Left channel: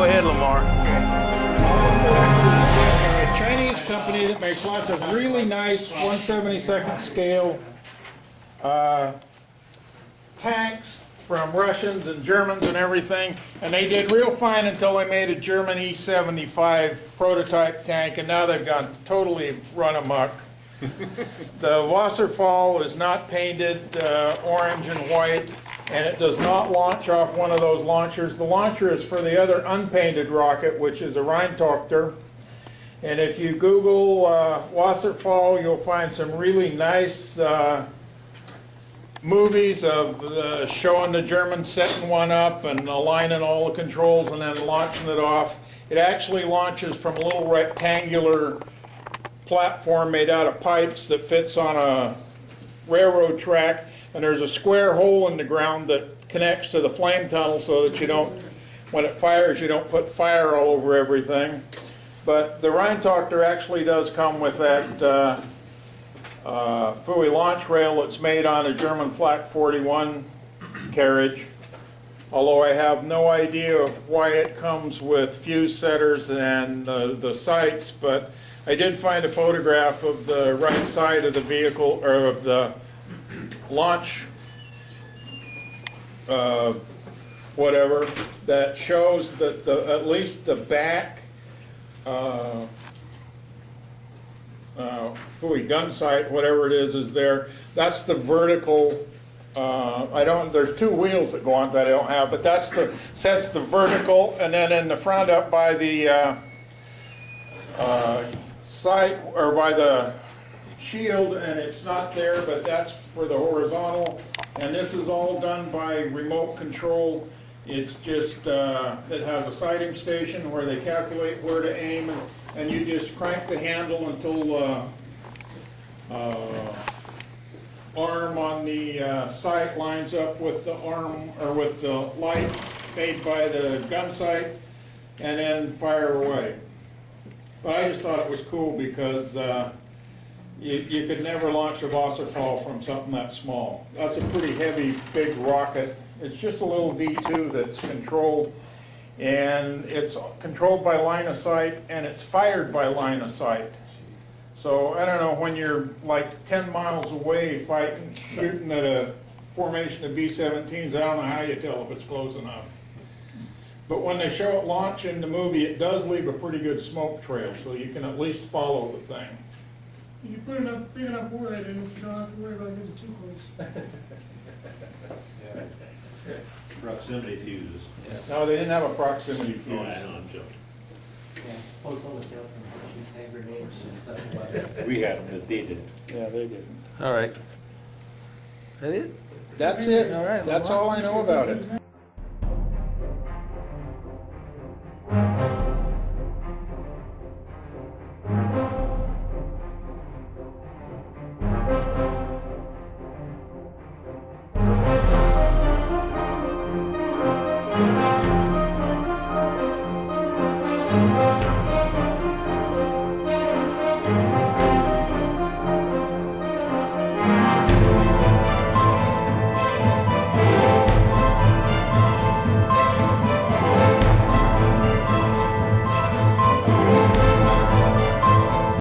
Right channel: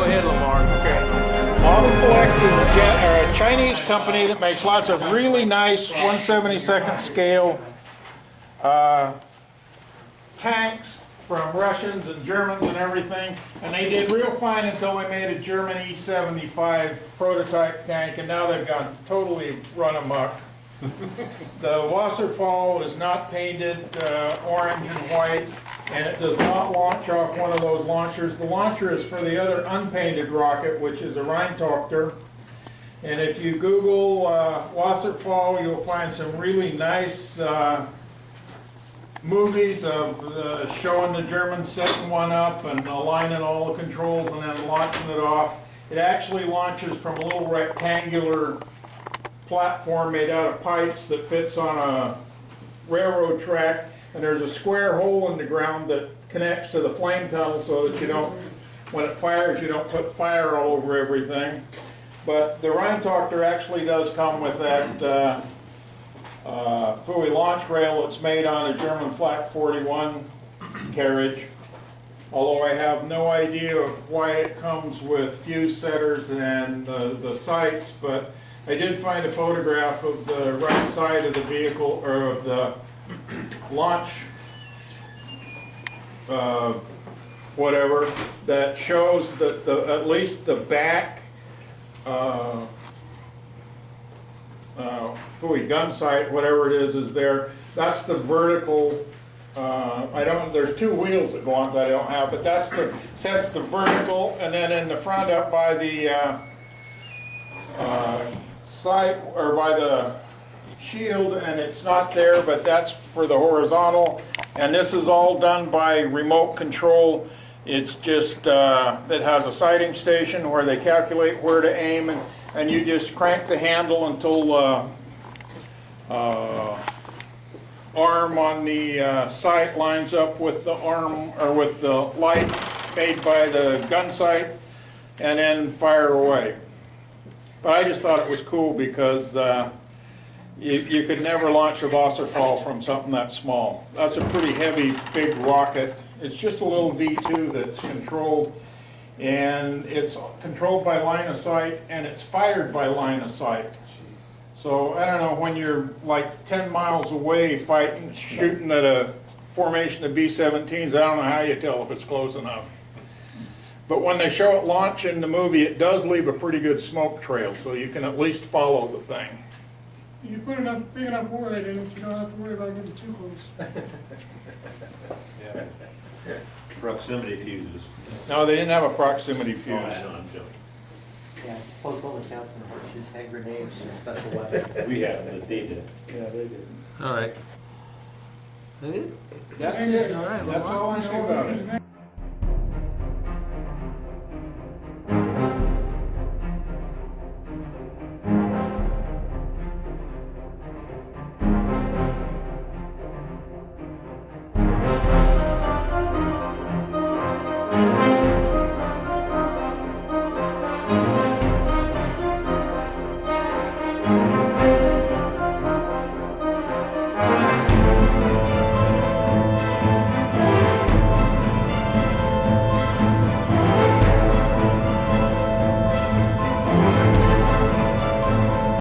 Go ahead, Lamar. ModelCollect is a Chinese company that makes lots of really nice 1/72nd scale tanks from Russians and Germans and everything. And they did real fine until they made a German E-75 prototype tank, and now they've gone totally run amok. The Wasserfall is not painted orange and white, and it does not launch off one of those launchers. The launcher is for the other unpainted rocket, which is a Rheintochter. And if you Google Wasserfall, you'll find some really nice movies of showing the Germans setting one up and aligning all the controls and then launching it off. It actually launches from a little rectangular platform made out of pipes that fits on a railroad track, and there's a square hole in the ground that connects to the flame tunnel so that you don't, when it fires, you don't put fire all over everything. But the Rheintochter actually does come with that Fui launch rail that's made on a German Flak 41 carriage, although I have no idea why it comes with fuse setters and the sights, but I did find a photograph of the right side of the vehicle, or of the launch whatever, that shows that at least the back Fui gun sight, whatever it is there. That's the vertical. There's two wheels that go on that I don't have, but sets the vertical, and then in the front up by the sight, or by the shield, and it's not there, but that's for the horizontal. And this is all done by remote control. It's just, it has a sighting station where they calculate where to aim, and you just crank the handle until arm on the sight lines up with the arm, or with the light made by the gun sight, and then fire away. But I just thought it was cool because you could never launch a Wasserfall from something that small. That's a pretty heavy, big rocket. It's just a little V2 that's controlled, and it's controlled by line of sight, and it's fired by line of sight. So I don't know, when you're like 10 miles away fighting, shooting at a formation of B-17s, I don't know how you tell if it's close enough. But when they show it launch in the movie, it does leave a pretty good smoke trail, so you can at least follow the thing. You put enough big enough warhead in it, you don't have to worry about getting too close. Yeah. Proximity fuses. No, they didn't have a proximity fuse. Oh, I know, I'm joking. Yeah, postal accounts and horseshoes, hand grenades, and special weapons. We had them, they did. Yeah, they didn't. All right. Is that it? That's it. All right, That's Lamar. all I know about it.